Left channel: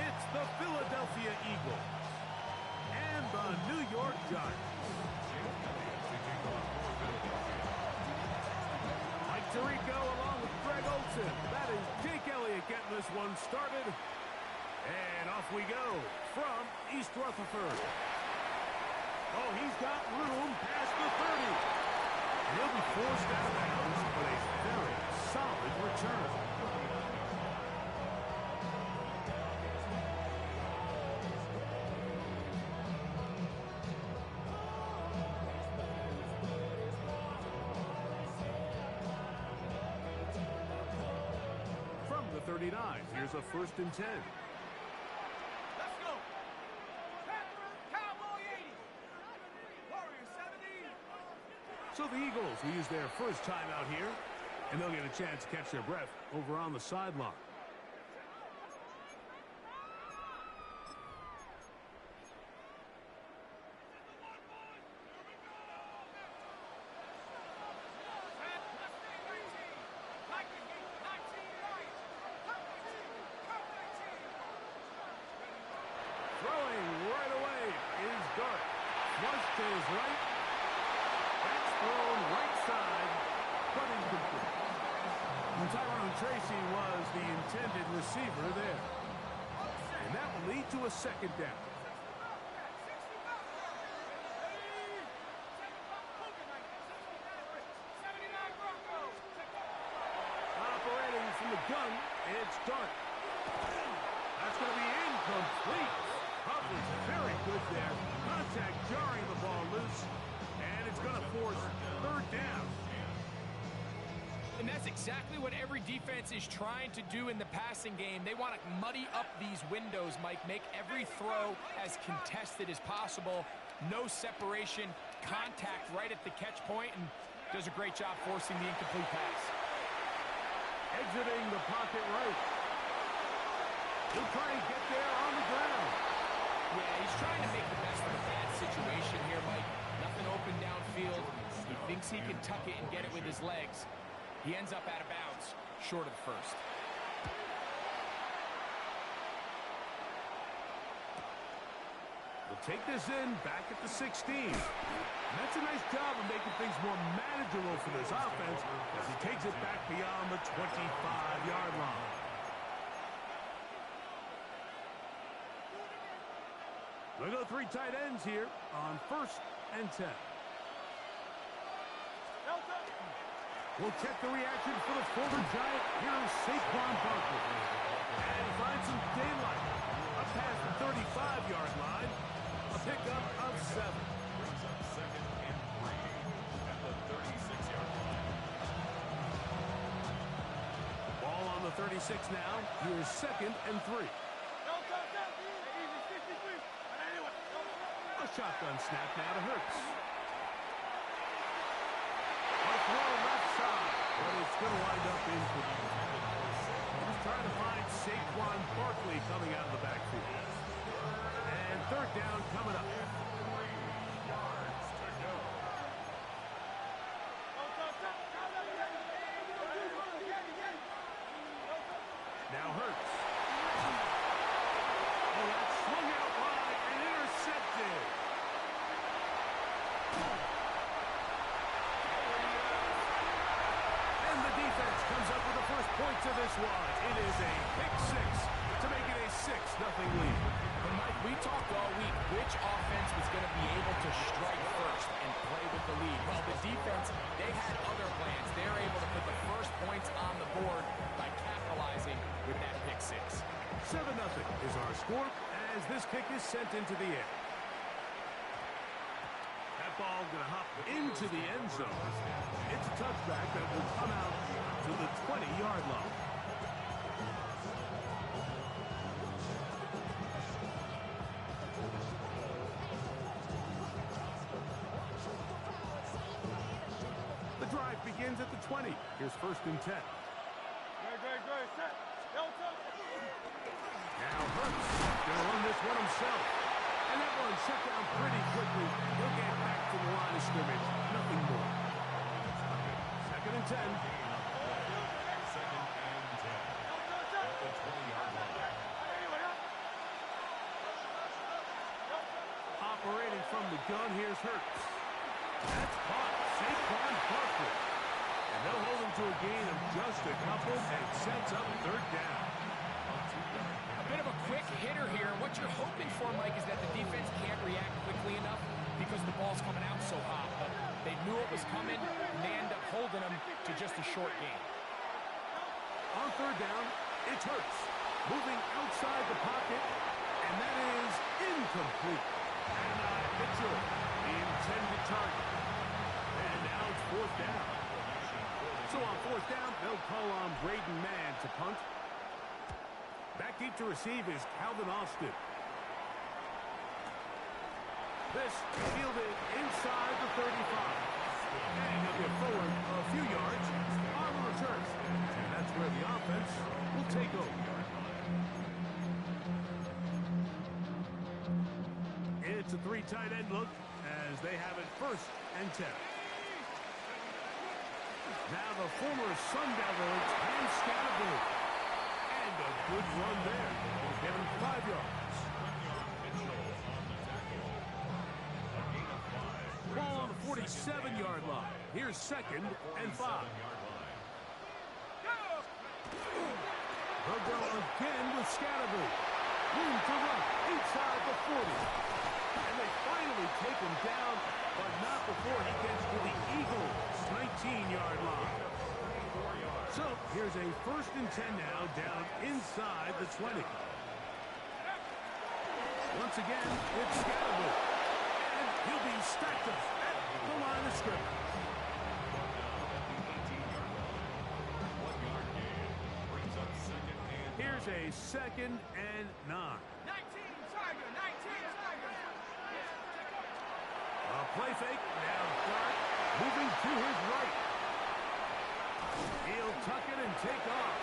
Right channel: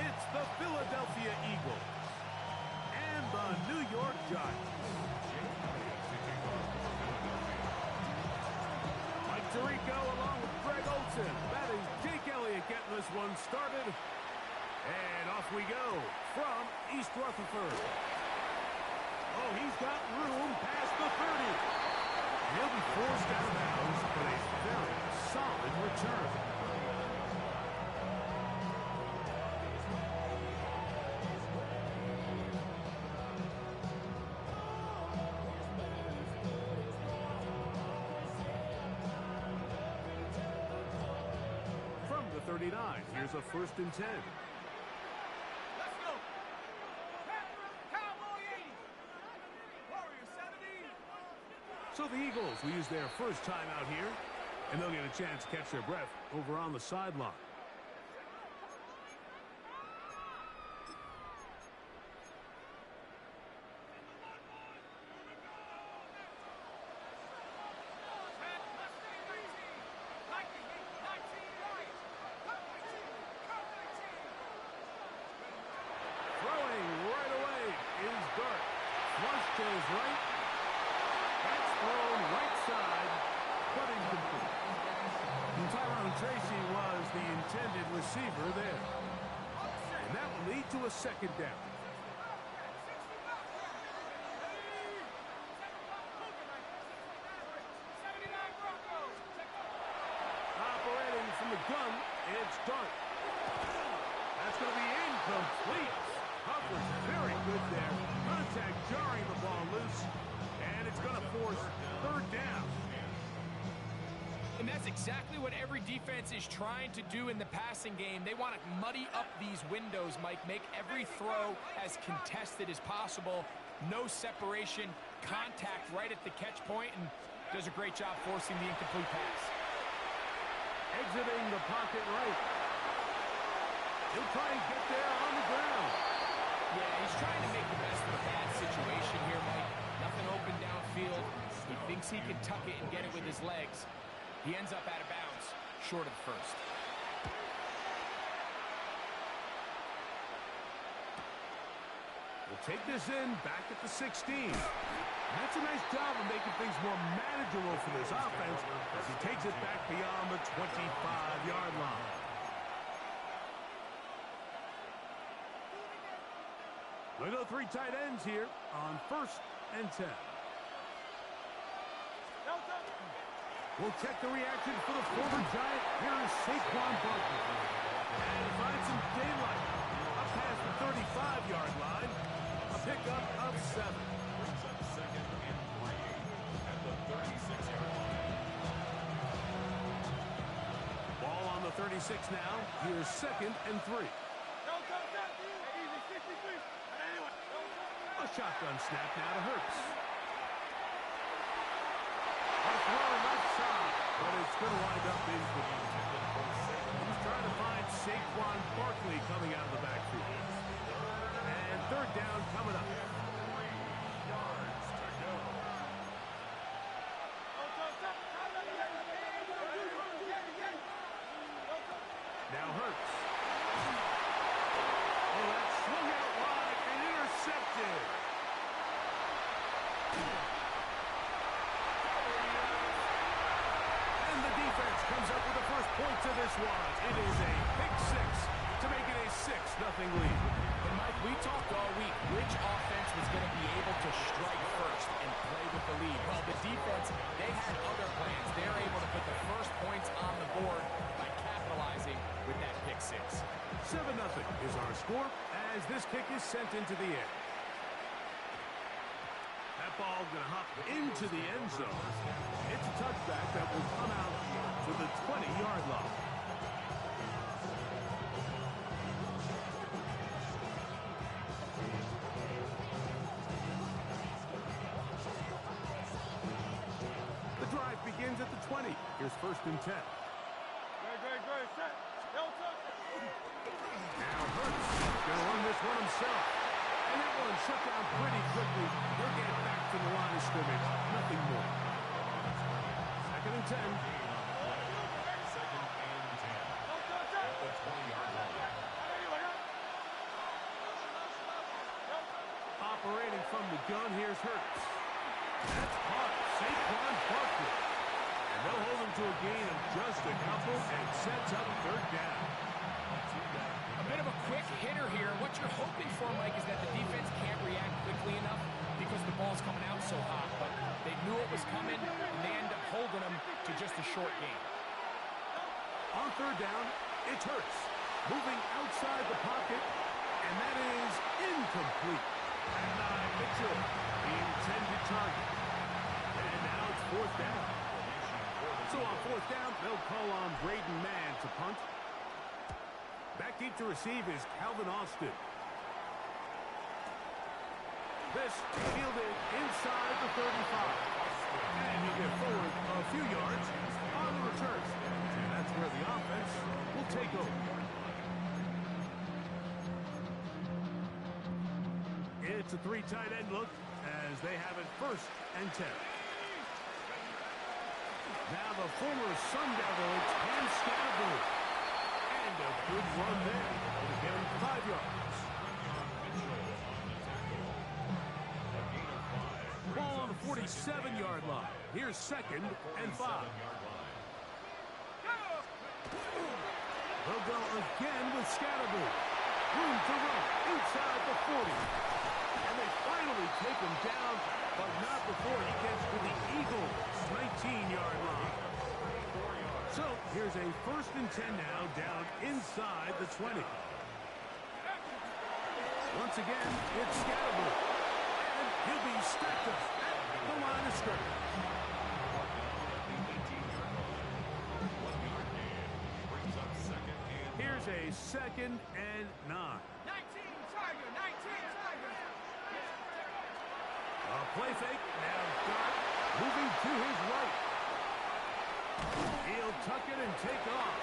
It's the Philadelphia Eagles and the New York Giants. Mike Tirico along with Greg Olson. That is Jake Elliott getting this one started. And off we go from East Rutherford. Oh, he's got room past the 30. And he'll be forced out of bounds, but a very solid return. From the 39, here's a 1st and 10. So the Eagles will use their first timeout here, and they'll get a chance to catch their breath over on the sideline. Throwing right away is Dart. Flush to his right. That's thrown right side, but incomplete. And Tyrone Tracy was the intended receiver there. And that will lead to a 2nd down. Operating from the gun, it's Dart. That's going to be incomplete. Coverage very good there. Contact jarring the ball loose. And it's going to force 3rd down. And that's exactly what every defense is trying to do in the passing game. They want to muddy up these windows, Mike. Make every throw as contested as possible. No separation, contact right at the catch point, and does a great job forcing the incomplete pass. Exiting the pocket right. He'll try and get there on the ground. Yeah, he's trying to make the best of a bad situation here, Mike. Nothing open downfield. He thinks he can tuck it and get it with his legs. He ends up out of bounds, short of the 1st. We'll take this in back at the 16. And that's a nice job of making things more manageable for this offense as he takes it back beyond the 25-yard line. We'll go 3 tight ends here on 1st and 10. We'll check the reaction for the former Giant. Here is Saquon Barkley. And he finds some daylight up past the 35-yard line. A pickup of 7. Brings up 2nd and 3 at the 36-yard line. Ball on the 36 now. Here's 2nd and 3. A shotgun snap now to Hurts. A throw left side, but it's going to wind up incomplete. He's trying to find Saquon Barkley coming out of the backfield. And 3rd down coming up. 3 yards to go. Now Hurts. Oh, that swung out wide and intercepted. And the defense comes up with the first points of this one. It is a pick 6 to make it a 6-0 lead. And Mike, we talked all week which offense was going to be able to strike first and play with the lead. Well, the defense, they had other plans. They're able to put the first points on the board by capitalizing with that pick 6. 7-0 is our score as this kick is sent into the air. That ball's going to hop into the end zone. It's a touchback that will come out to the 20-yard line. The drive begins at the 20. Here's 1st and 10. Great. Set. Now Hurts going to run this one himself. And that one shut down pretty quickly. He'll get back to the line of scrimmage. Nothing more. 2nd and 10. 2nd and 10 at the 20-yard line. Operating from the gun, here's Hurts. That's caught. Saquon Barkley. And they'll hold him to a gain of just a couple, and it sets up third down. A bit of a quick hitter here. What you're hoping for, Mike, is that the defense can't react quickly enough because the ball's coming out so hot. But they knew it was coming, and they end up holding them to just a short gain. On third down, it's Hurts. Moving outside the pocket, and that is incomplete. And Mitchell, the intended target. And now it's fourth down. So on fourth down, they'll call on Braden Mann to punt. Back deep to receive is Calvin Austin. This fielded inside the 35. And he'll get forward a few yards on the return. And that's where the offense will take over. It's a three tight end look as they have it 1st and 10. Now the former Sun Devil, it's Cam Scatterbury. And a good run there. It'll give him 5 yards. Ball on the 47-yard line. Here's 2nd and 5. They'll go again with Scatterbury. Room to run inside the 40. And they finally take him down, but not before he gets to the Eagles' 19-yard line. So here's a 1st and 10 now, down inside the 20. Once again, it's Scatterbury. And he'll be stacked up at the line of scrimmage. Here's a 2nd and 9. 19 Tiger, 19 Tiger. A play fake, now Dart moving to his right. He'll tuck it and take off.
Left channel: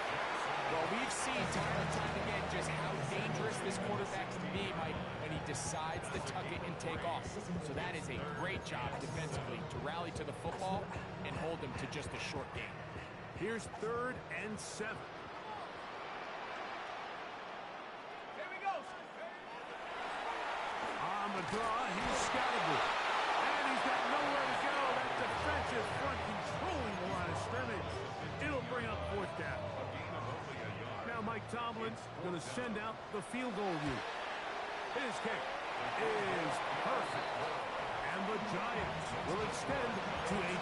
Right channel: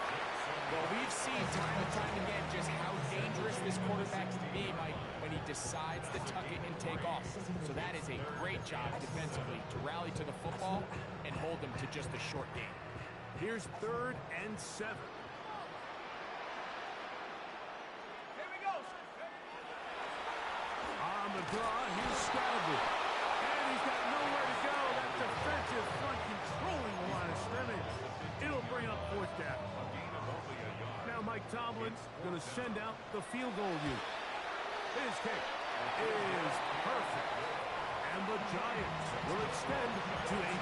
Well, we've seen time and time again just how dangerous this quarterback can be, Mike, when he decides to tuck it and take off. So that is a great job defensively to rally to the football and hold him to just a short game. Here's 3rd and 7. Here we go. On the draw, here's Scatterbury. And he's got nowhere to go. That defensive front controlling the line of scrimmage. It'll bring up 4th down. Now Mike Tomlin's going to send out the field goal unit. His kick is perfect. And the Giants will extend to a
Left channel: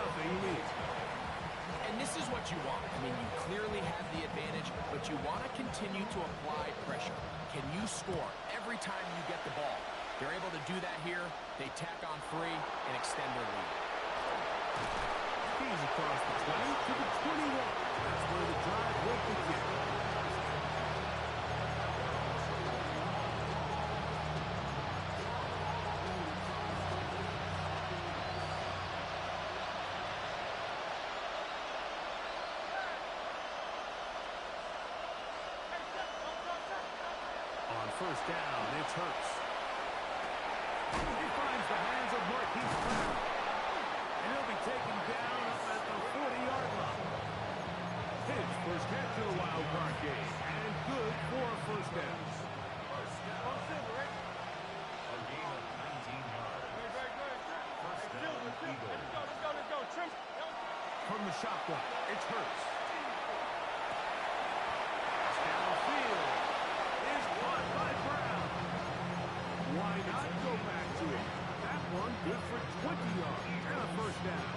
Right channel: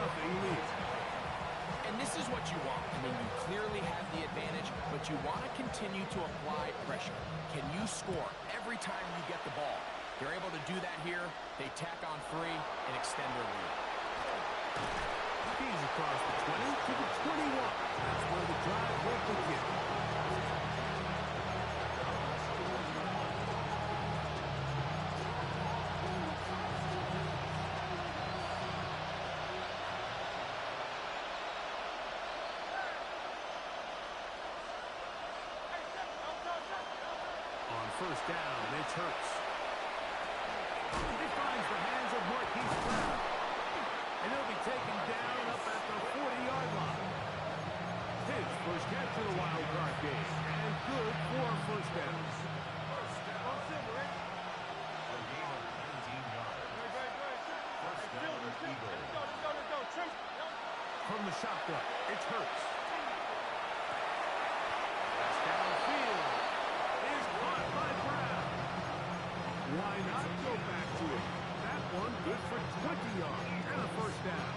10-0 lead. And this is what you want. I mean, you clearly have the advantage, but you want to continue to apply pressure. Can you score every time you get the ball? They're able to do that here. They tack on 3 and extend their lead. He's across the 20 to the 21. That's where the drive will begin. On 1st down, it's Hurts. He finds the hands of Marquise Brown. And he'll be taken down up at the 40-yard line. His first catch of the wild card game. And good for a 1st down. A gain of 19 yards. First down, Eagles. Let's go. Trim. From the shotgun, it's Hurts. Pass downfield is caught by Brown. Why not go back to it? That one good for 20 yards and a 1st down.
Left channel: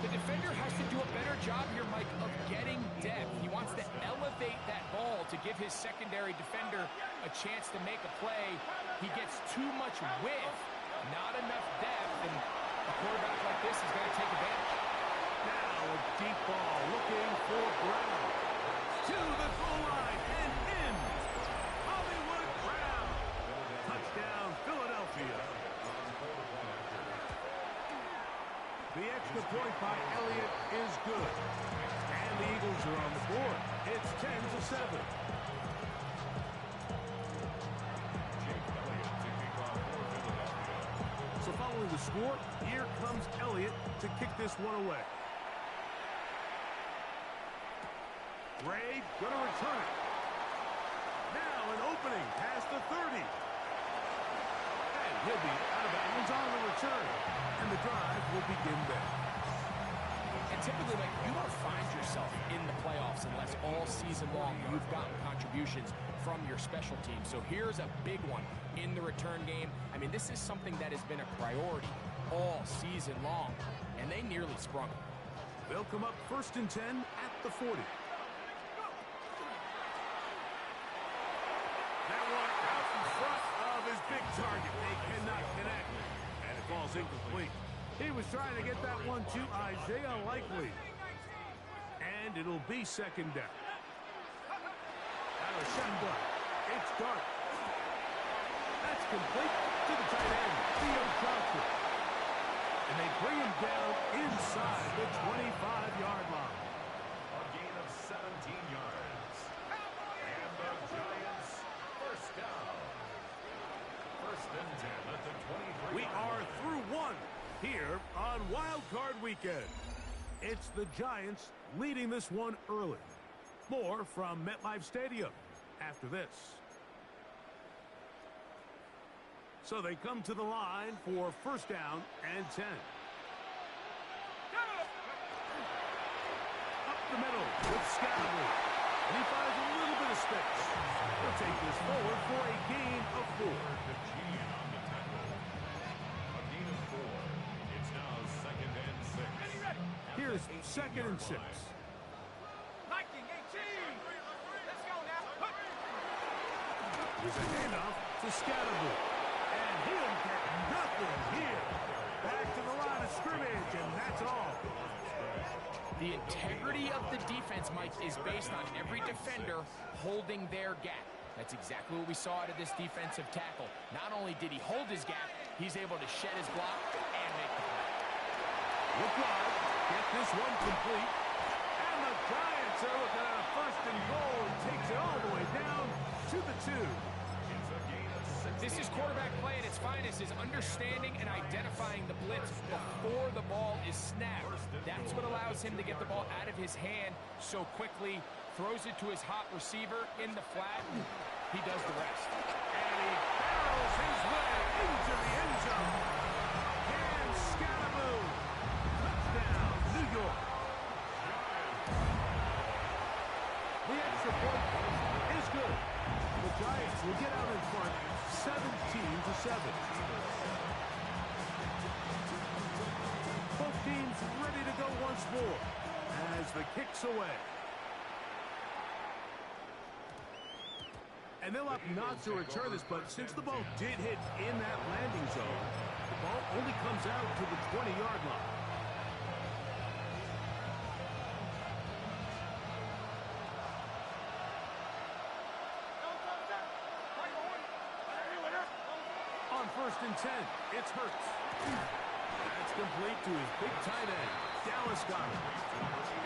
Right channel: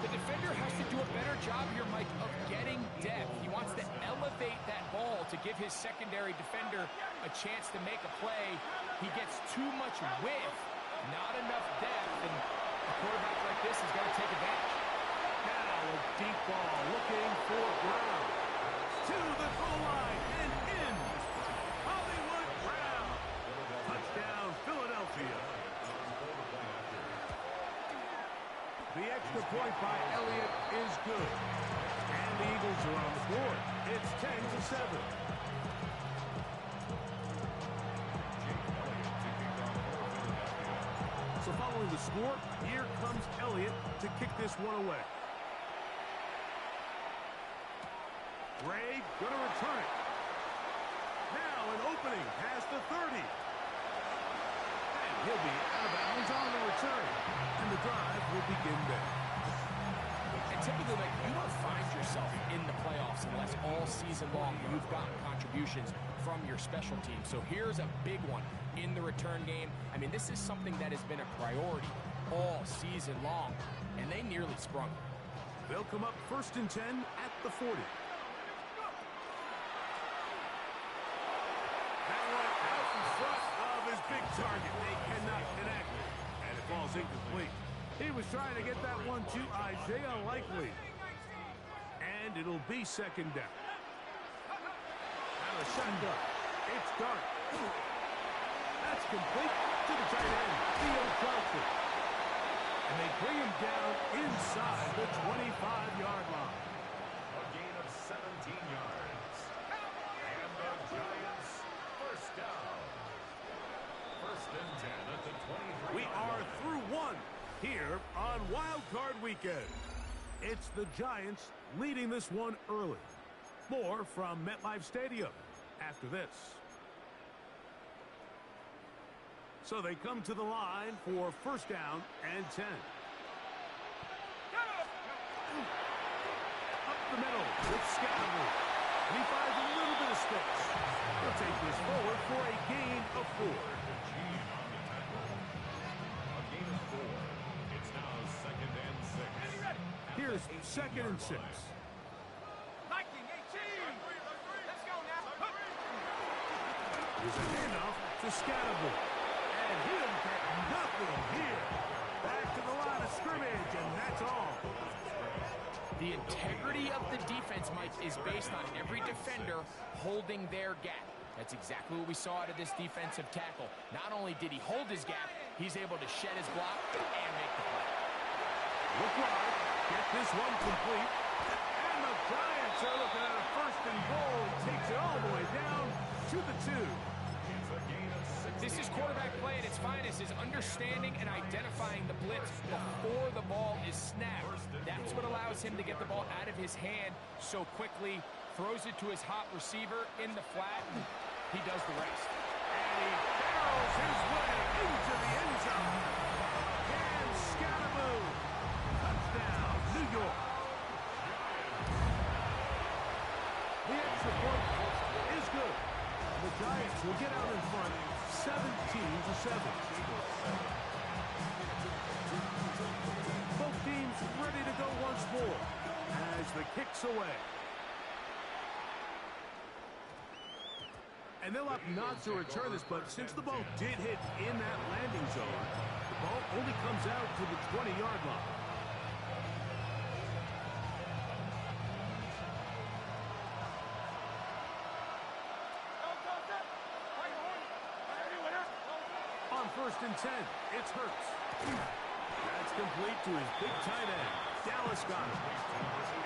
The defender has to do a better job here, Mike, of getting depth. He wants to elevate that ball to give his secondary defender a chance to make a play. He gets too much width, not enough depth, and a quarterback like this is going to take advantage. Now a deep ball looking for Brown. To the goal line and in. Hollywood Brown. Touchdown, Philadelphia. The extra point by Elliott is good. And the Eagles are on the board. It's 10-7. So following the score, here comes Elliott to kick this one away. Ray going to return it. Now an opening past the 30. He'll be out of bounds on the return. And the drive will begin there. And typically, like, you don't find yourself in the playoffs unless all season long you've gotten contributions from your special team. So here's a big one in the return game. I mean, this is something that has been a priority all season long, and they nearly sprung it. They'll come up 1st and 10 at the 40. That one out in front of his big target. They cannot connect, and it falls incomplete. He was trying to get that one to Isaiah Likely. And it'll be 2nd down. Out of shotgun. It's Dart. That's complete to the tight end, Theo Johnson. And they bring him down inside the 25-yard line. A gain of 17 yards. And the Giants first down. 1st and 10 at the 23. We are through one here on Wild Card Weekend. It's the Giants leading this one early. More from MetLife Stadium after this. So they come to the line for 1st down and 10. Up the middle with Scatterby. And he finds a little bit of space. He'll take this forward for a gain of 4. To Gene on the tackle. A gain of 4. It's now 2nd and 6. Here's 2nd and 6. Liking 18. Let's go now. Here's a handoff to Scatterby. And he'll get nothing here. Back to the line of scrimmage, and that's all. The integrity of the defense, Mike, is based on every defender holding their gap. That's exactly what we saw out of this defensive tackle. Not only did he hold his gap, he's able to shed his block and make the play. Look wide, get this one complete. And the Giants are looking at a 1st and goal. He takes it all the way down to the 2. It's a gain of 6. This is quarterback play at its finest, is understanding and identifying the blitz before the ball is snapped. That's what allows him to get the ball out of his hand so quickly, throws it to his hot receiver in the flat. He does the rest. And he barrels his way into the end zone. Cam Scatterby. Touchdown, New York. The extra point is good. The Giants will get out in front 17-7. Both teams ready to go once more as the kick's away. And they'll opt not to return this, but since the ball did hit in that landing zone, the ball only comes out to the 20-yard line. On 1st and 10, it's Hurts. That's complete to his big tight end, Dallas Goedert.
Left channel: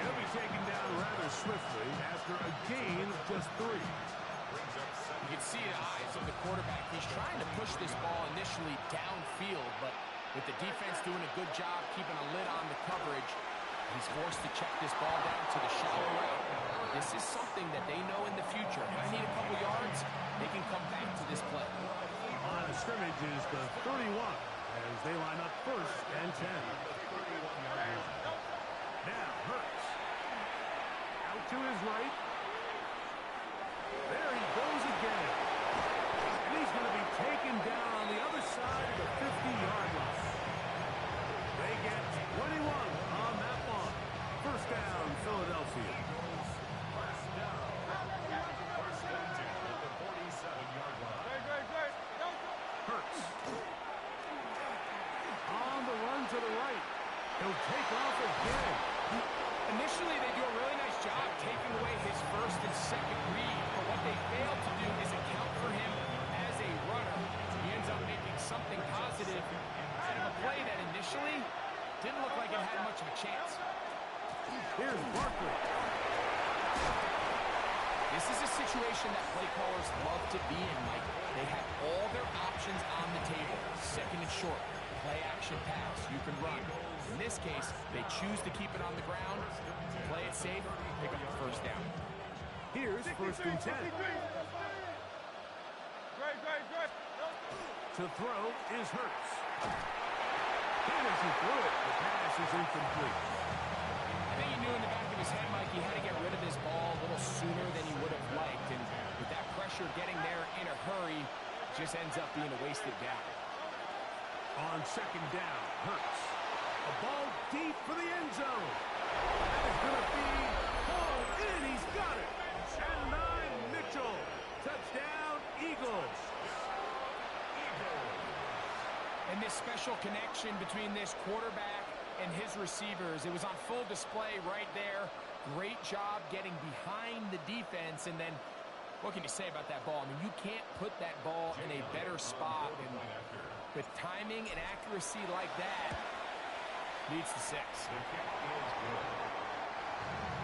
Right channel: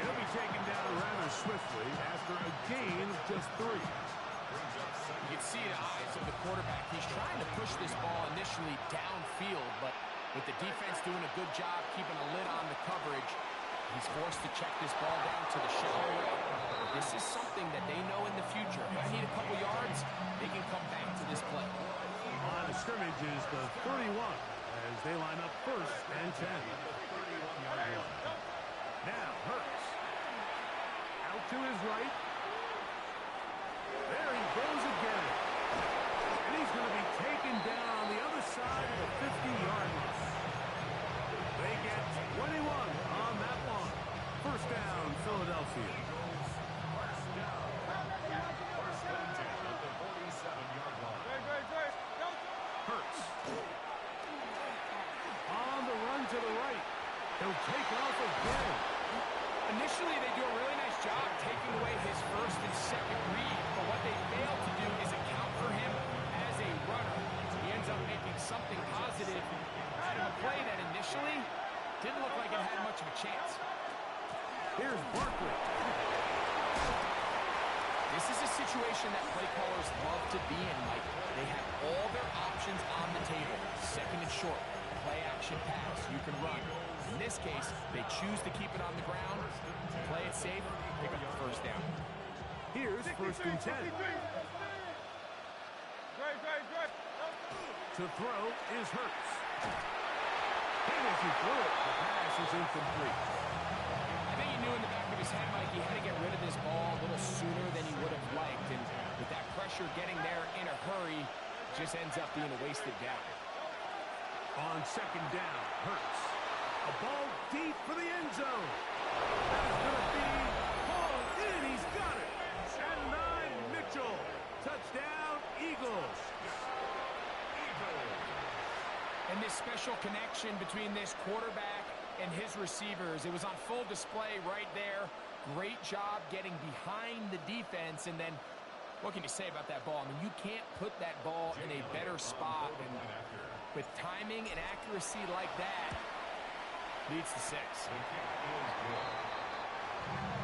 He'll be taken down rather swiftly after a gain of just 3. You can see the eyes of the quarterback. He's trying to push this ball initially downfield, but with the defense doing a good job keeping a lid on the coverage, he's forced to check this ball down to the shallow route. This is something that they know in the future. If I need a couple yards, they can come back to this play. Line of scrimmage is the 31 as they line up 1st and 10. Now Hurts. Out to his right. There he goes again. And he's going to be taken down on the other side of the 50-yard line. They get 21 on that one. 1st down, Philadelphia. First down. 1st and 10 at the 47-yard line. Hurts. On the run to the right. He'll take off again. Initially, they do a really nice job taking away his 1st and 2nd read, but what they fail to do is account for him as a runner. He ends up making something positive out of a play that initially didn't look like it had much of a chance. Here's Barkley. This is a situation that play callers love to be in, Mike. They have all their options on the table. 2nd and short, play action pass, you can run. In this case, they choose to keep it on the ground, play it safe, pick up the 1st down. Here's 1st and 10. To throw is Hurts. And as he threw it, the pass is incomplete. I think he knew in the back of his head, Mike, he had to get rid of this ball a little sooner than he would have liked. And with that pressure getting there in a hurry, it just ends up being a wasted down. On second down, Hurts. A ball deep for the end zone. That is going to be hauled in. He's got it. And 9, Mitchell. Touchdown, Eagles. And this special connection between this quarterback and his receivers, it was on full display right there. Great job getting behind the defense. And then, what can you say about that ball? I mean, you can't put that ball in a better spot. And with timing and accuracy like that, leads to 6. The kick is good.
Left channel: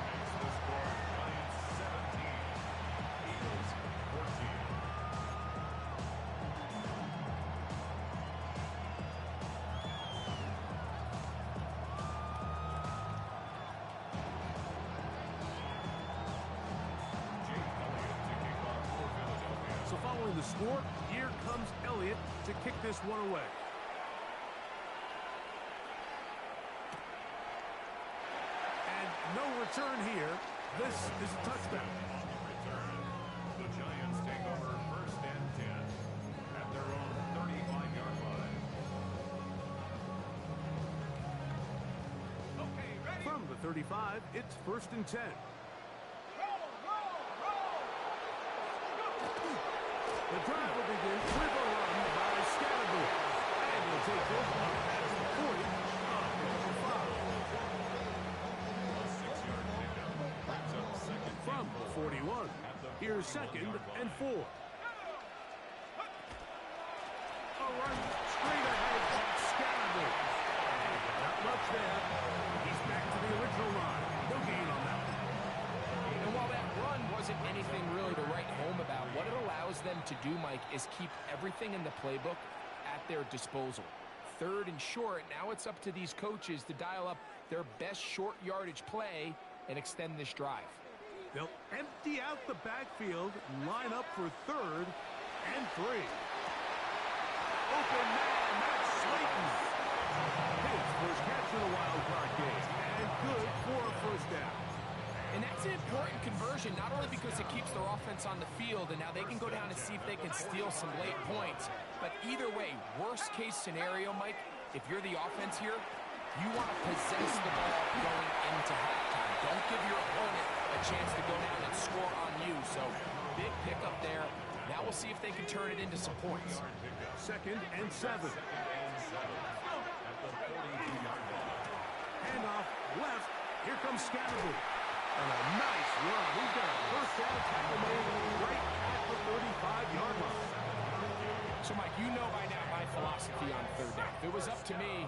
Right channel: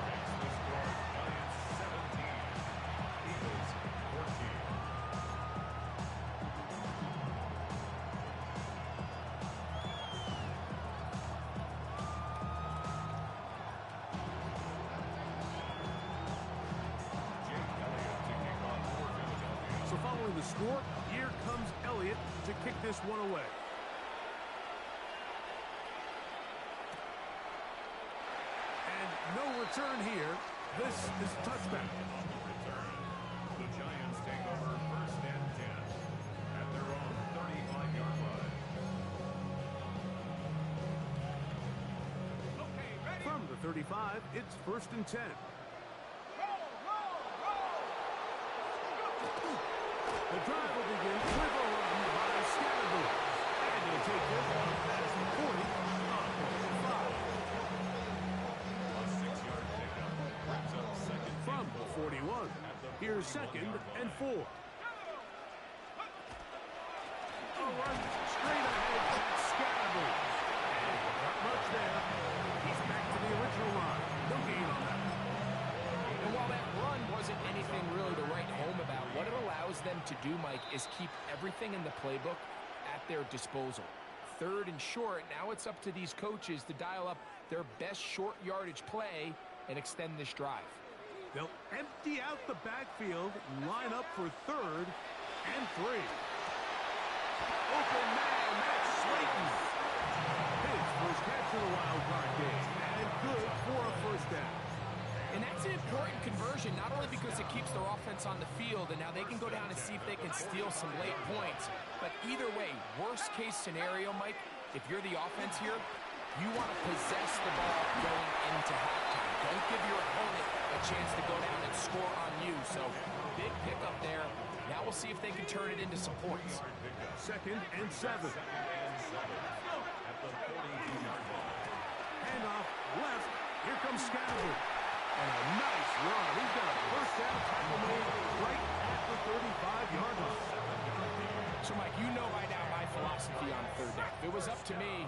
Makes the score Giants 17, Eagles 14. So following the score, here comes Elliott to kick this one away. And no return here. This is a touchback. On the return, the Giants take over 1st and 10 at their own 35-yard line. Okay, ready? From the 35, it's 1st and 10. The drive will begin with a run by Scatterboo. And he'll take this one past the 40 of the 5. A 6-yard pickup brings up second From the 41, here's 2nd and 4. A run straight ahead at Scatterboo. And not much there. He's back to the original line. No gain on that one. And while that run wasn't anything really to write home about, what it allows them to do, Mike, is keep everything in the playbook at their disposal. 3rd and short, now it's up to these coaches to dial up their best short yardage play and extend this drive. They'll empty out the backfield, line up for 3rd and 3. Open man, that's Slayton. His first catch of the wild card game, and good for a 1st down. And that's an important conversion, not only because it keeps their offense on the field, and now they can go down and see if they can steal some late points. But either way, worst case scenario, Mike, if you're the offense here, you want to possess the ball going into halftime. Don't give your opponent a chance to go down and score on you. So big pickup there. Now we'll see if they can turn it into some points. 2nd and 7. at the 42-yard line. Handoff left. Here comes Scatterboo. And a nice run. He's got a 1st down tackle made right at the 35-yard line. So, Mike, you know by now my philosophy on 3rd down. If it was up to me,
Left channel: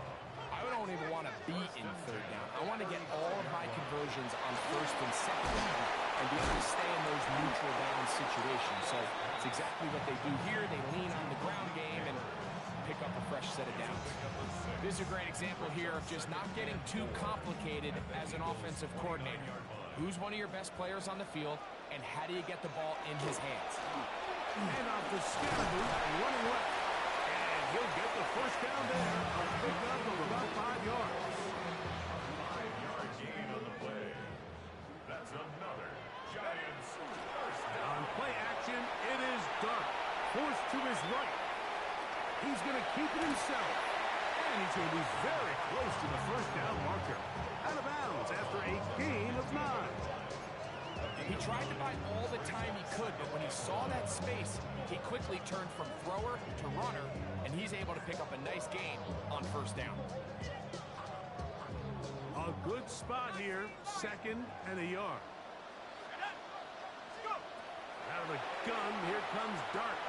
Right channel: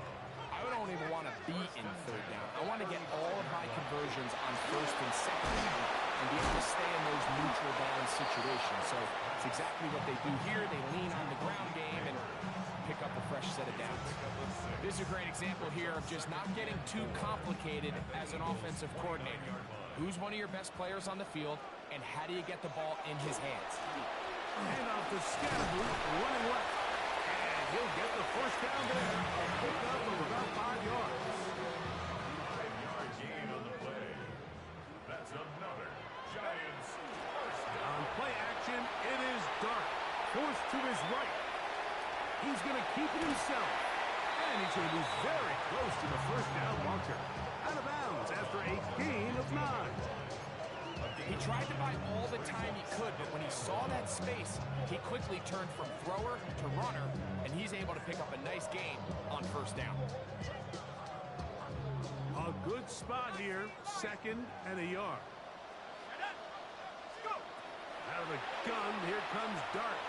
I don't even want to be in 3rd down. I want to get all of my conversions on 1st and 2nd down and be able to stay in those neutral down situations. So it's exactly what they do here. They lean on the ground game and pick up a fresh set of downs. This is a great example here of just not getting too complicated as an offensive coordinator. Who's one of your best players on the field, and how do you get the ball in his hands? Handoff to Scatterboo, running left. And he'll get the 1st down there. A pickup of about 5 yards. 5-yard gain on the play. That's another Giants 1st down. On play action, it is Dart. Forced to his right. He's going to keep it himself. And he's going to be very close to the 1st down marker. Out of bounds after a gain of 9. He tried to buy all the time he could, but when he saw that space, he quickly turned from thrower to runner, and he's able to pick up a nice gain on 1st down. A good spot here, 2nd and a yard. Out of the gun, here comes Dart.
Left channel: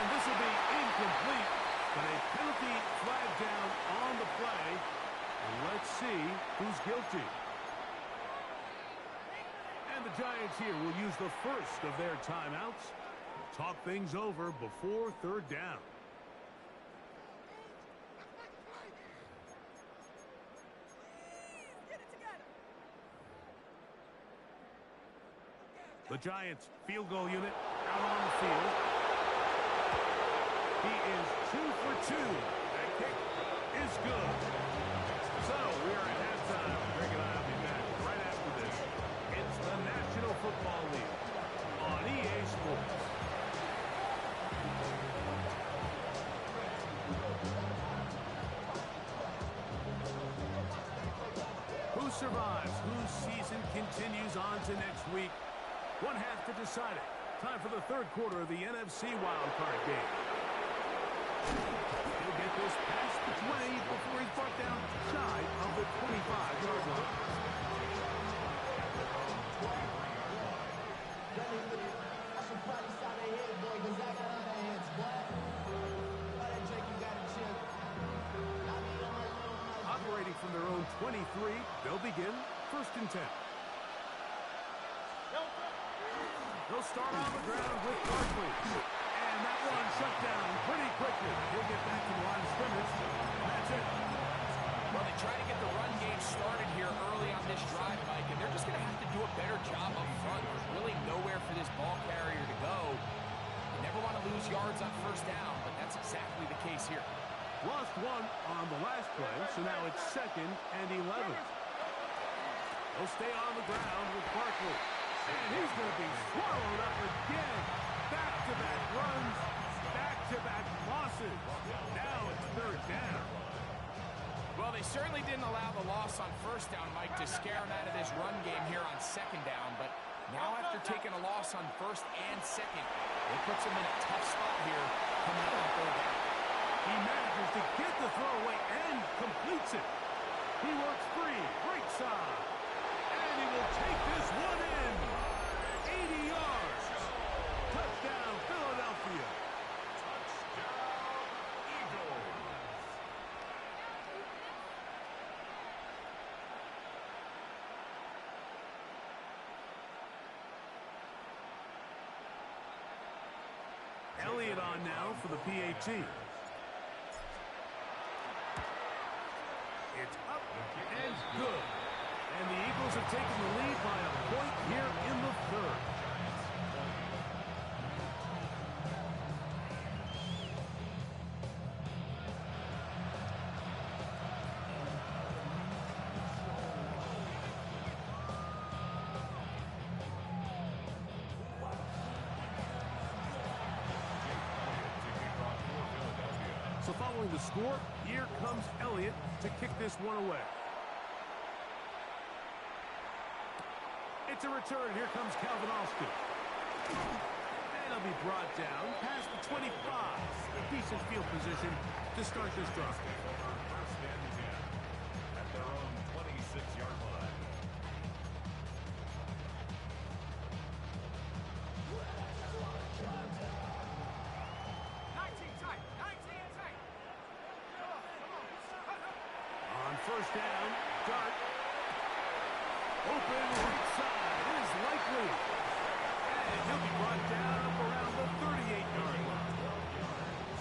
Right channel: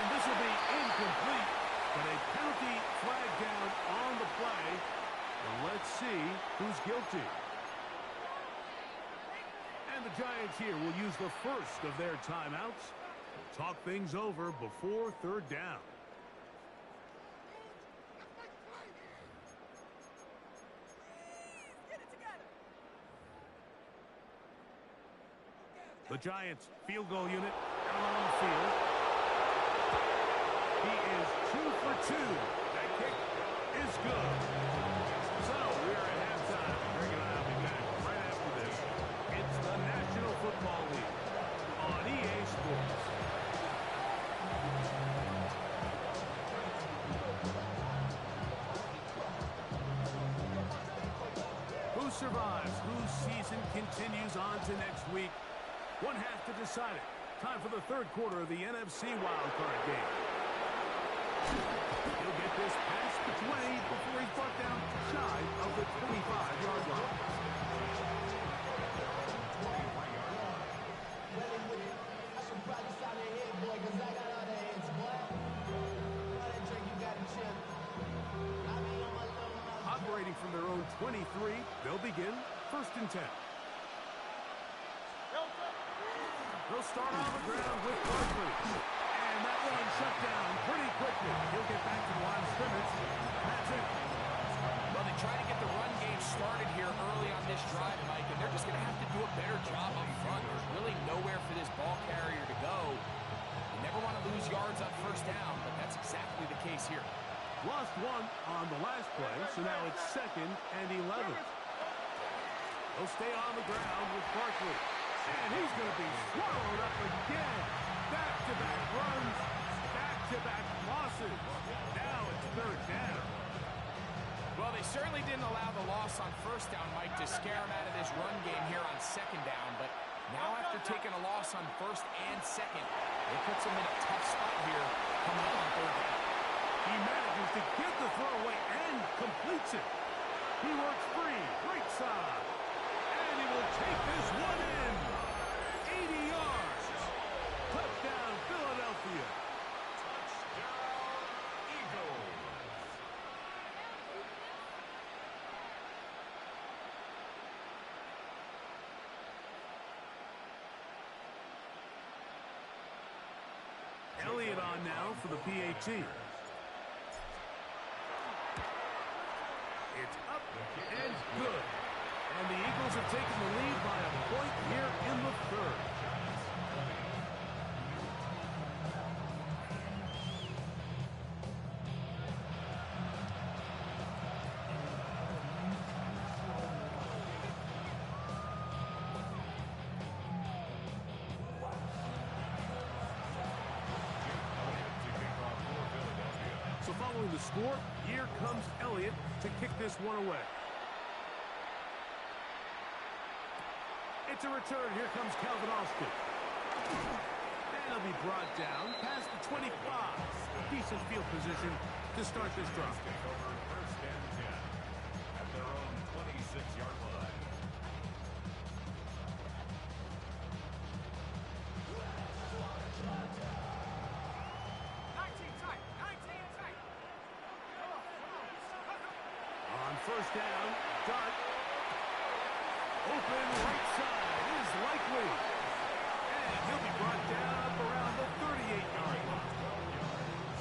And this will be incomplete, but a penalty flag down on the play. And let's see who's guilty. And the Giants here will use the 1st of their timeouts to talk things over before 3rd down. The Giants field goal unit out on the field. He is 2 for 2. That kick is good. So we are at halftime. Greg and I will be back right after this. It's the National Football League on EA Sports. Who survives? Whose season continues on to next week? One half to decide it. Time for the third quarter of the NFC wildcard game. He'll get this past the 20 before he's brought down shy of the 25-yard line. I should probably shout ahead, boy, because I got all the heads, boy. All that drink, you got to chill. I be on my little mouth. Operating from their own 23, they'll begin 1st and 10. They'll start on the ground with Barkley. And that one shut down pretty quickly. He'll get back to the line of scrimmage. That's it. Well, they try to get the run game started here early on this drive, Mike, and they're just going to have to do a better job up front. There's really nowhere for this ball carrier to go. You never want to lose yards on 1st down, but that's exactly the case here. Lost one on the last play, so now it's 2nd and 11. They'll stay on the ground with Barkley. And he's going to be swallowed up again. Back-to-back runs, back-to-back losses. Now it's 3rd down. Well, they certainly didn't allow the loss on 1st down, Mike, to scare him out of this run game here on 2nd down. But now after taking a loss on 1st and 2nd, it puts him in a tough spot here coming up on 3rd down. He manages to get the throw away and completes it. He works free, right side. And he will take this one in. 80 yards. Touchdown, Philadelphia. Touchdown, Eagles. Elliott on now for the PAT. It's up and good. And the Eagles have taken the lead by a point here in the 3rd. So following the score, here comes Elliott to kick this one away. It's a return. Here comes Calvin Austin. And he'll be brought down past the 25. Decent field position to start this drive. 1st and 10 at their own 26-yard line. On 1st down, Dart. Open right side is likely. And he'll be brought down up around the 38-yard line. 12 yards.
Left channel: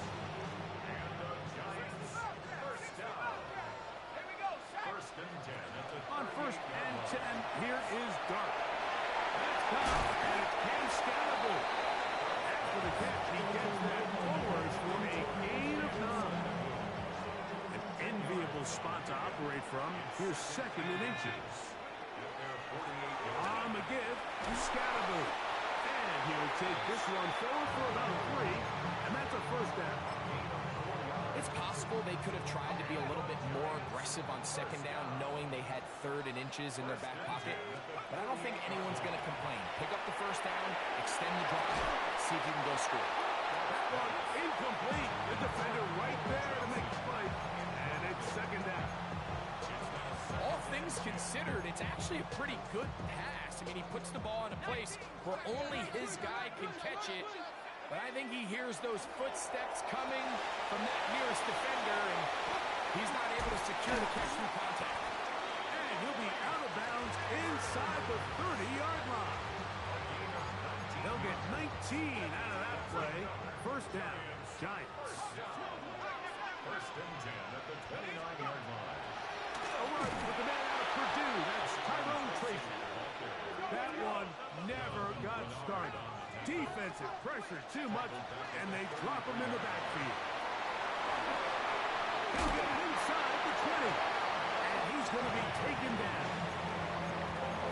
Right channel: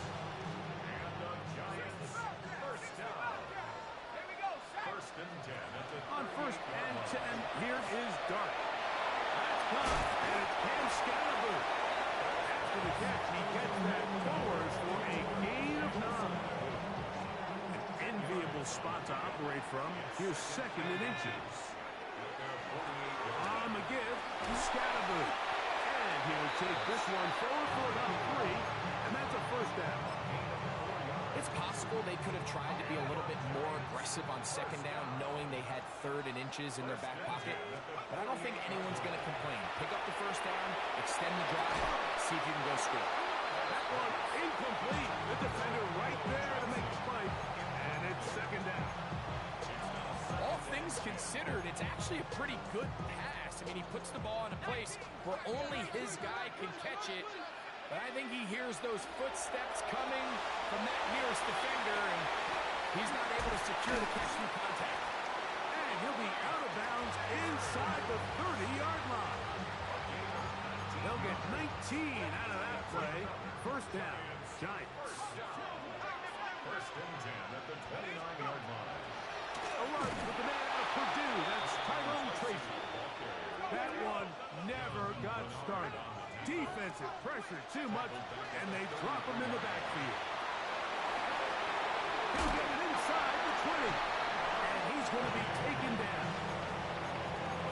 And the Giants 1st down. Here we go, Shaq. 1st and 10 at the On 1st and 10, here is Dart. That's caught, and it's Cam Scalaboo. After the catch, he gets that forward for a gain of 9. An enviable spot to operate from. Here's 2nd and inches. On the give, Scalaboo. And he'll take this one forward for about 3, and that's a 1st down. It's possible they could have tried to be a little bit more aggressive on 2nd down, knowing they had 3rd and inches in their back pocket. But I don't think anyone's going to complain. Pick up the 1st down, extend the drive, see if you can go score. That one incomplete. The defender right there to make the play. And it's 2nd down. All things considered, it's actually a pretty good pass. I mean, he puts the ball in a place where only his guy can catch it. But I think he hears those footsteps coming from that nearest defender, and he's not able to secure the catch through contact. And he'll be out of bounds inside the 30-yard line. They'll get 19 out of that play. 1st down, Giants. 1st and 10 at the 29-yard line. A run with the man out of Purdue. That's Tyrone Tracy. That one never got started. Defensive pressure too much, and they drop him in the backfield. He'll get it inside the 20, and he's going to be taken down.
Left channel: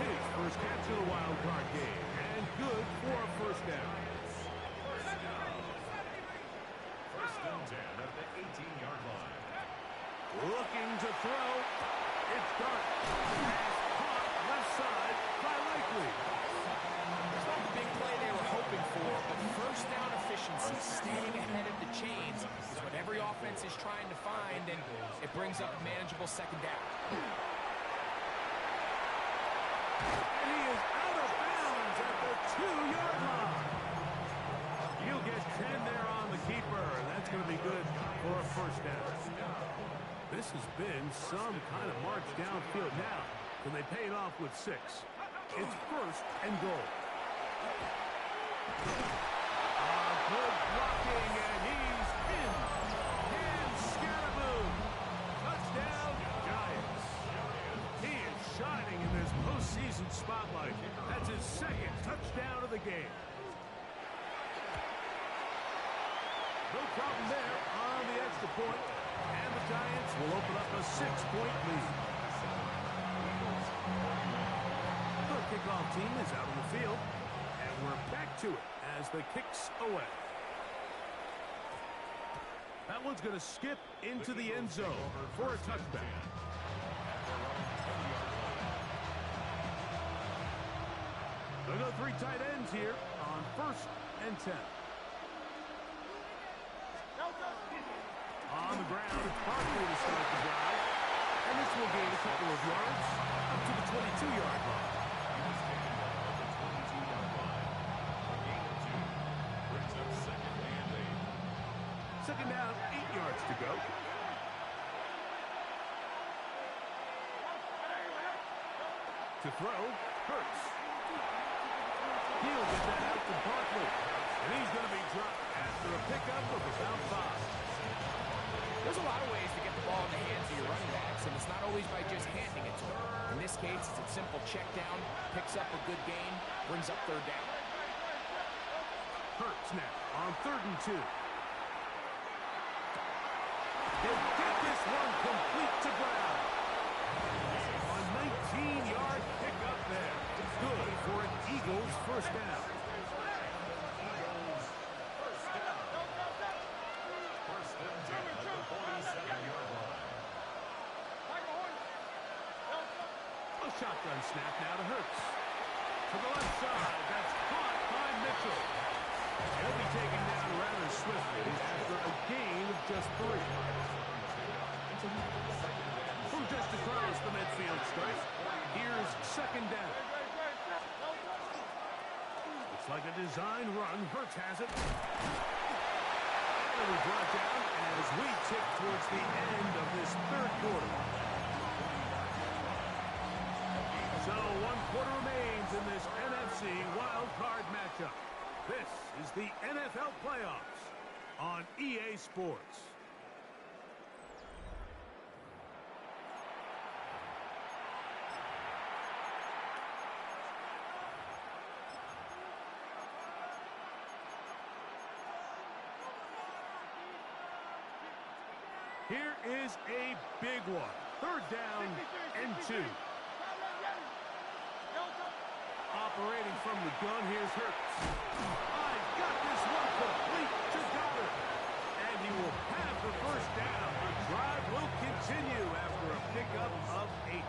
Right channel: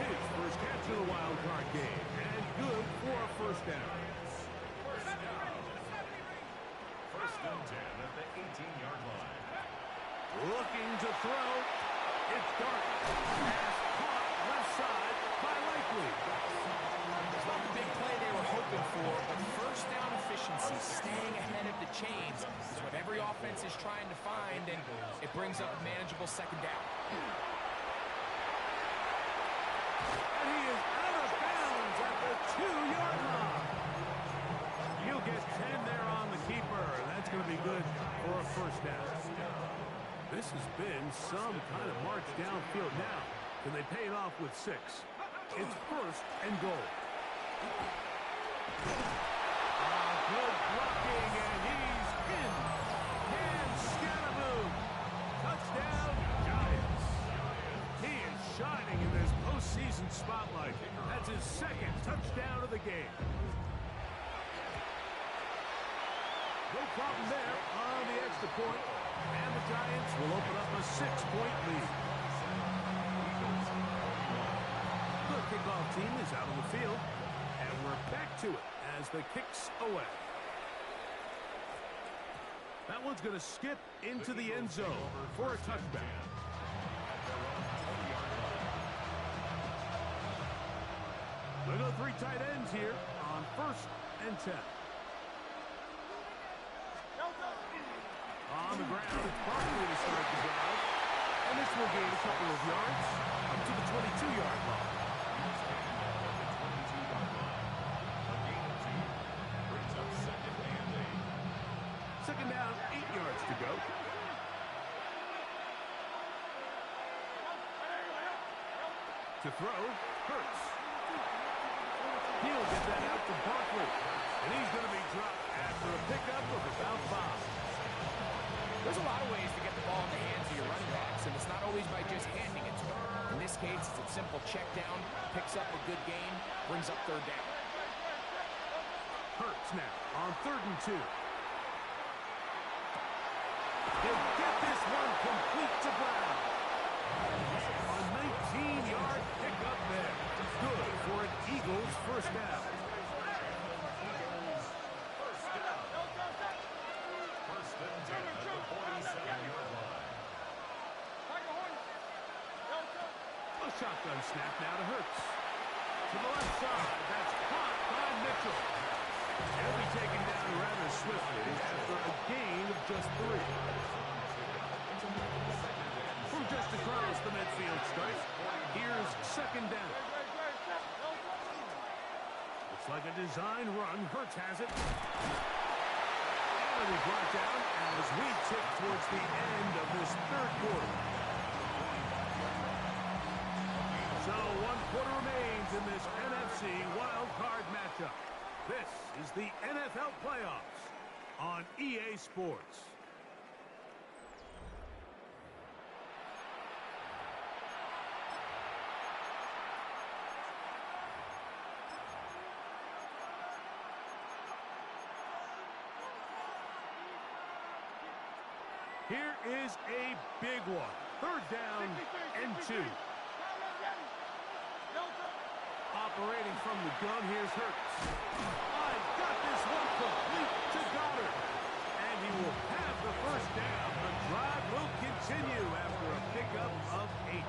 His first catch of the wild card game, and good for a first down. First and 10 at the 18-yard line. Looking to throw. It's Dart. Pass caught left side by Likely. It's not the big play they were hoping for, but first down efficiency, staying ahead of the chains, is what every offense is trying to find, and it brings up a manageable second down. And he is out of bounds at the 2-yard line. He'll get 10 there on the keeper. That's going to be good for a first down. This has been some kind of march downfield now. Can they pay it off with 6? It's first and goal. Good blocking, and he's in. And Scatterboom. Touchdown, Giants. He is shining in this postseason spotlight. That's his second touchdown of the game. No problem there on the extra point, and the Giants will open up a 6-point lead. The kickoff team is out on the field, and we're back to it as the kick's away. That one's going to skip into the end zone for a touchback. They'll go 3 tight ends here on first and 10. On the ground, it's Barkley to start the drive. And this will gain a couple of yards up to the 22-yard line. He's taken down at the 22-yard line. A gain of 2 brings up second and 8. Second down, 8 yards to go. To throw, Hurts. He'll get that out to Barkley. And he's going to be dropped after a pickup of about 5. There's a lot of ways to get the ball in the hands of your running backs, and it's not always by just handing it to them. In this case, it's a simple check down, picks up a good gain, brings up third down. Hurts now on 3rd and 2. He'll get this one complete to Brown. A 19-yard pickup there. Good for an Eagles first down. First and 10 at the 47-yard line. A shotgun snap now to Hurts. To the left side, that's caught by Mitchell. He'll be taken down rather swiftly after a gain of just 3. From just across the midfield stripe, here's second down. Looks like a design run. Hurts has it. And it'll be brought down as we tick towards the end of this 3rd quarter. So 1 quarter remains in this NFC wild card matchup. This is the NFL Playoffs on EA Sports. Here is a big one. 3rd down and 2. Operating from the gun, here's Hurts. He's got this one complete to Goddard. And he will have the first down. The drive will continue after a pickup of 8.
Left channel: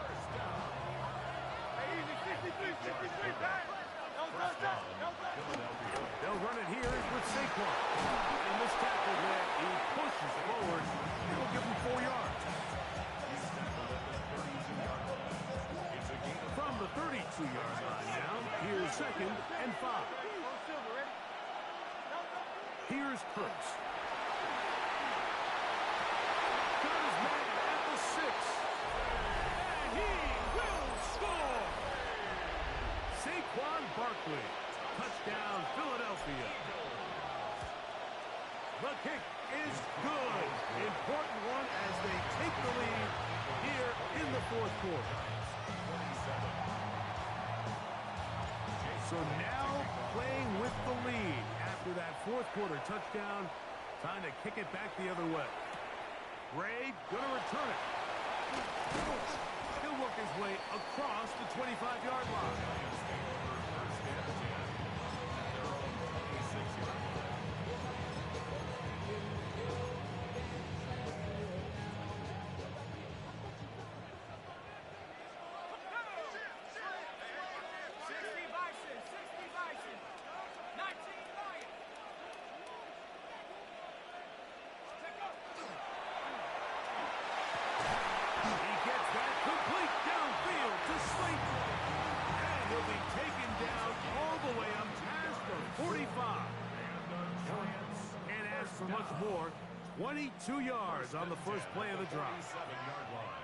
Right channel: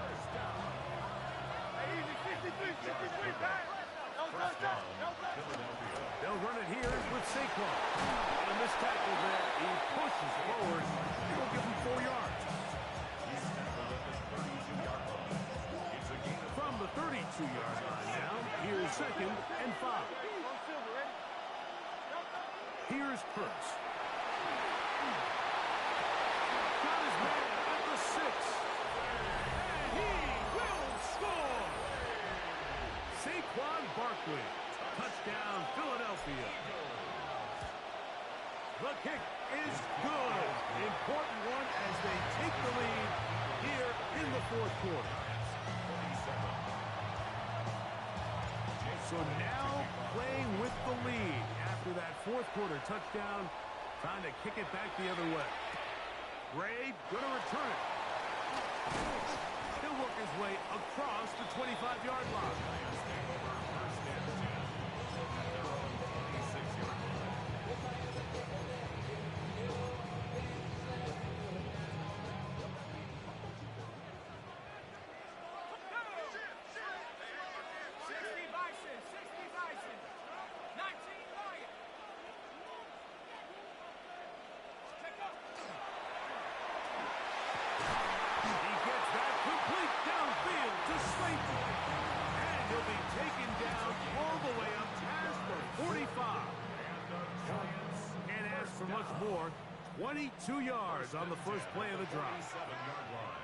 They'll run it here with Saquon. And this tackle there, he pushes forward. It'll give him 4 yards. He's tackled at the 32-yard line. It's a gain of From the 32-yard line now, here's second and 5. Here's Hurts. Got his man at the 6. And he will score! Saquon Barkley. Touchdown, Philadelphia. The kick is good. Important one as they take the lead here in the 4th quarter. So now playing with the lead after that fourth quarter touchdown. Time to kick it back the other way. Gray gonna return it. He'll work his way across the 25-yard line. Giants take over first and 10 at their own 26-yard line. He gets that complete downfield to Slayton. And he'll be taken down all the way up past the 45. And the Giants Can't ask for much more. 22 yards on the first play of the drive. 27-yard line.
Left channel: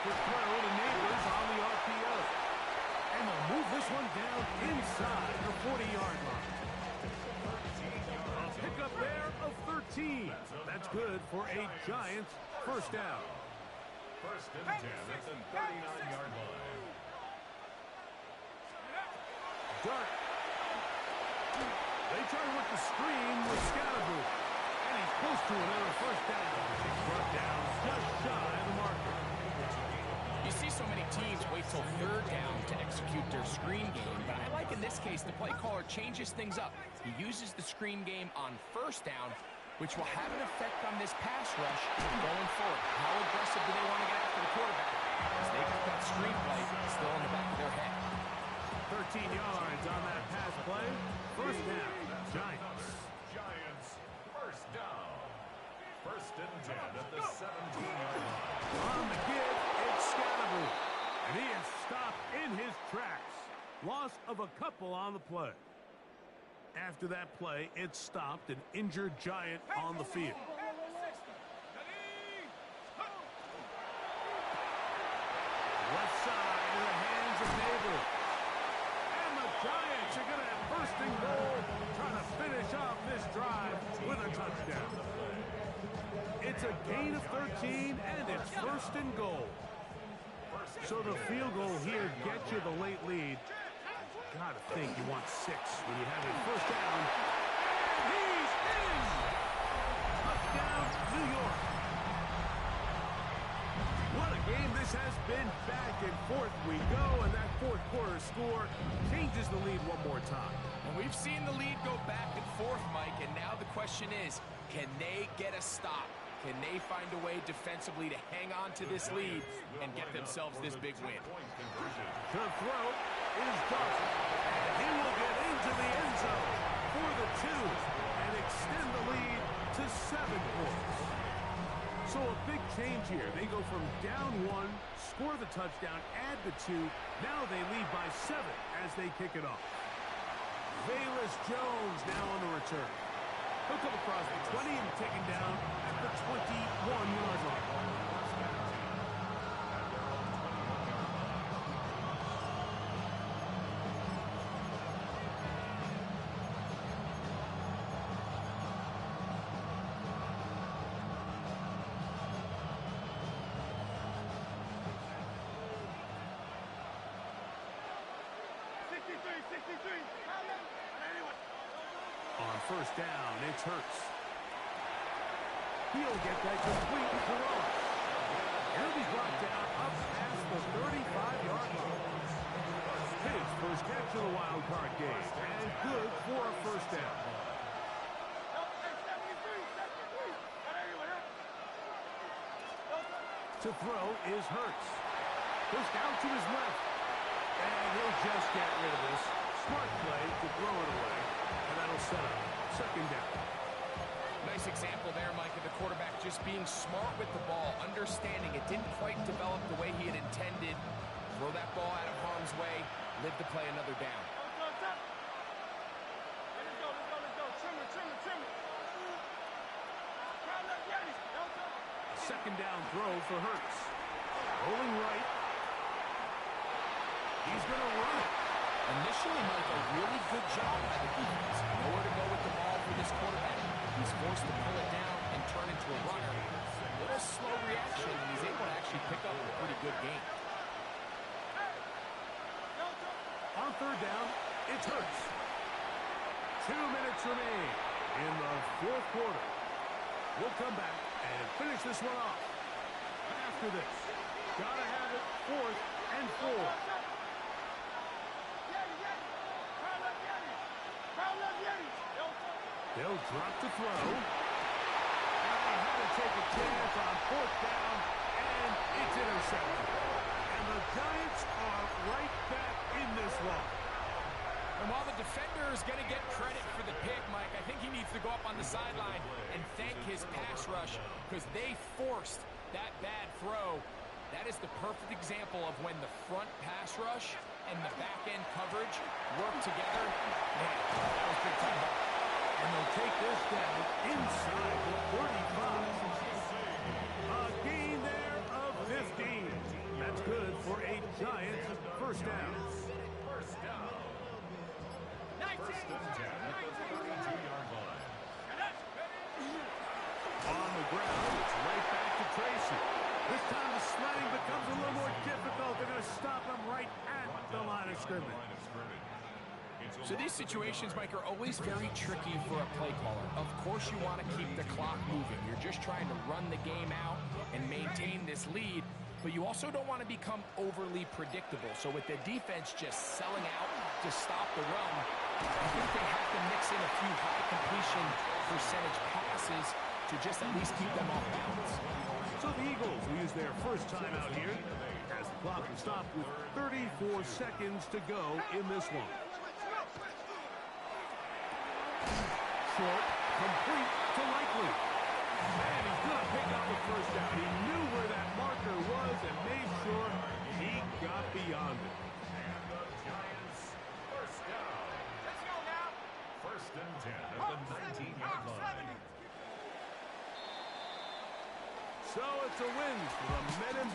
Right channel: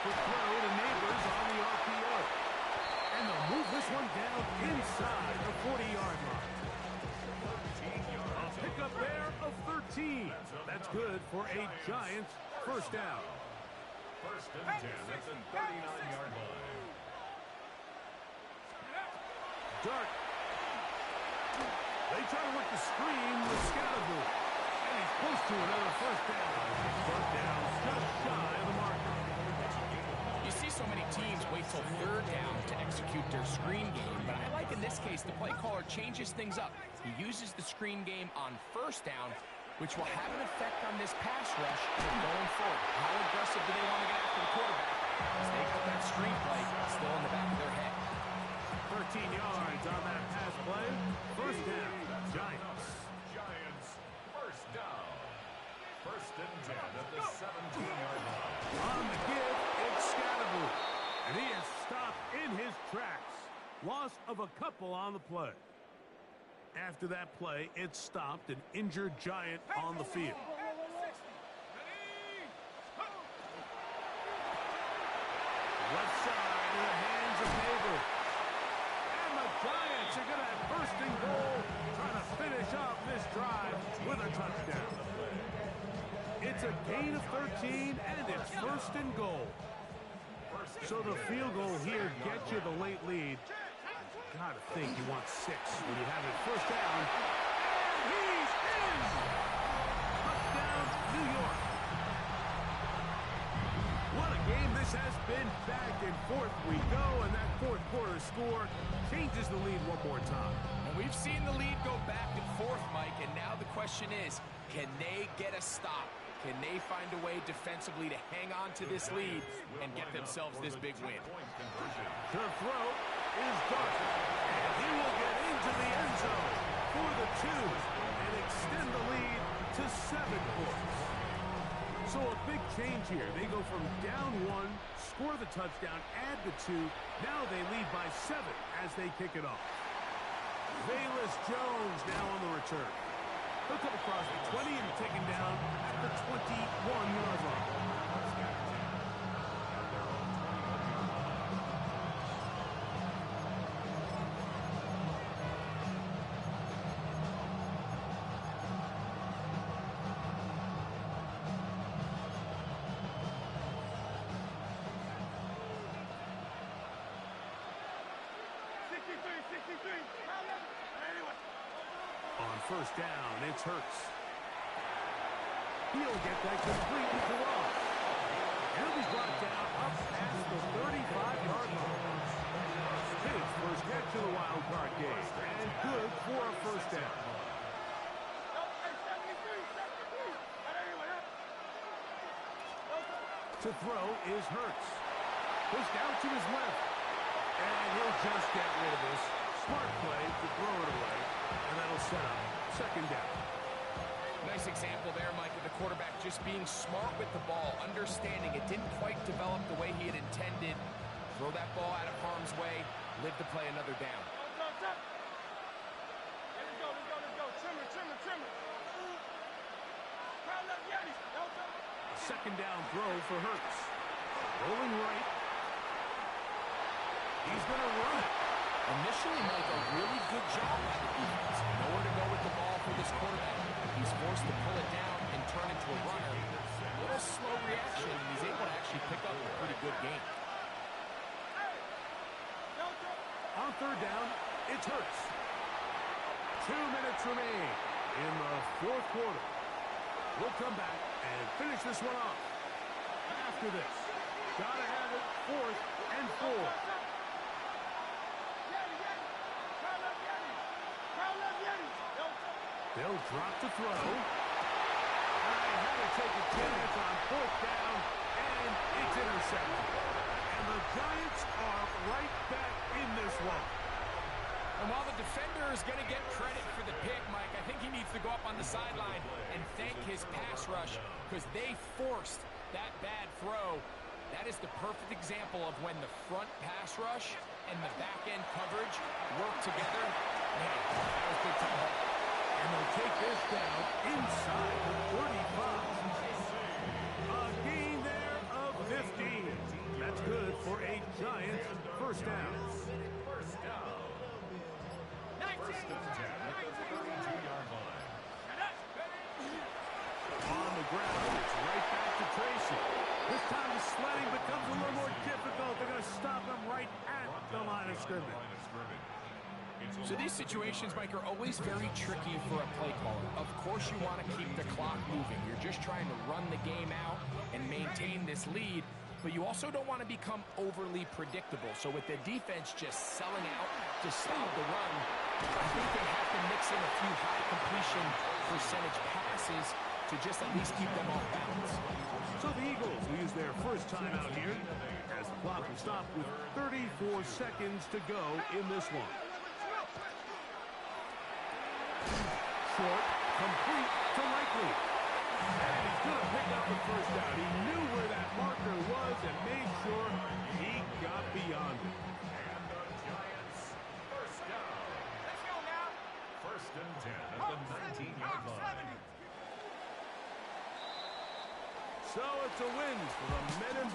Quick throw to Neighbors on the RPO. And they'll move this one down inside the 40-yard line. A pickup there of 13. That's good for a Giants first down. First and 10 at the 39-yard line. Dart. They try to work the screen with Scalaboo. And he's close to another first down. Brought down just shy of the marker. You see so many teams wait till third down to execute their screen game, but I like in this case the play caller changes things up. He uses the screen game on first down, which will have an effect on this pass rush going forward. How aggressive do they want to get after the quarterback? Because they got that screen play still in the back of their head. 13 yards on that pass play. First down, Giants. Giants first down. First and 10 at the 17-yard line. On the give, it's Scalaboo. And he is stopped in his tracks. Loss of a couple on the play. After that play, it stopped an injured Giant on the field. Left side in the hands of Neighbors. And the Giants are going to have first and goal, trying to finish off this drive with a touchdown. It's a gain of 13, and it's first and goal. So the field goal here gets you the late lead. Gotta think you want 6 when you have it first down. And he's in! Touchdown, New York. What a game this has been. Back and forth we go, and that fourth quarter score changes the lead one more time. And we've seen the lead go back and forth, Mike, and now the question is, can they get a stop? Can they find a way defensively to hang on to this lead and get themselves this big win? The throw is Dart, and he will get into the end zone for the 2 and extend the lead to 7 points. So a big change here. They go from down 1, score the touchdown, add the 2. Now they lead by 7 as they kick it off. Velus Jones now on the return. He'll come across the 20 and taken down at the 21-yard line. On first down, it's Hurts. He'll get that complete to Ross. He'll be brought down up past the 35-yard line. His first catch of the wild card game, and good for a first down. To throw is Hurts. Pushed out to his left. And he'll just get rid of this. Smart play to throw it away. And that'll set up second down. Nice example there, Mike, of the quarterback just being smart with the ball, understanding it didn't quite develop the way he had intended. Throw that ball out of harm's way, live to play another down. Let's go. Trimmer. A second down throw for Hurts. Rolling right. He's going to run it. Initially, Mike, a really good job by the defense. Nowhere to go with the ball for this quarterback. He's forced to pull it down and turn into a runner. A little slow reaction, and he's able to actually pick up a pretty good game. On third down, it's Hurts. 2 minutes remain in the fourth quarter. We'll come back and finish this one off. After this, gotta have it 4th and 4. They'll drop to throw. I had to take a chance on 4th down, and it's intercepted. And the Giants are right back in this one. And while the defender is going to get credit for the pick, Mike, I think he needs to go up on the sideline and thank his pass rush because they forced that bad throw. That is the perfect example of when the front pass rush and the back-end coverage work together. Man, that was big time ball. And they'll take this down inside the 35. A gain there of 15. That's good for a Giants first down. First down. First and 10 at the 32-yard line. On the ground, it's right back to Tracy. This time the sledding becomes a little more difficult. They're going to stop him right at the line of scrimmage. So these situations, Mike, are always very tricky for a play caller. Of course you want to keep the clock moving. You're just trying to run the game out and maintain this lead, but you also don't want to become overly predictable. So with the defense just selling out to stop the run, I think they have to mix in a few high completion percentage passes to just at least keep them off balance. So the Eagles will use their first time out here as the clock will stop with 34 seconds to go in this one. Short, complete to Likely. And he's going to pick up the first down. He knew where that marker was and made sure he got beyond it. And the Giants first down. Let's go now. First and 10 at the 19-yard line. So it's a win for the Men in Blue.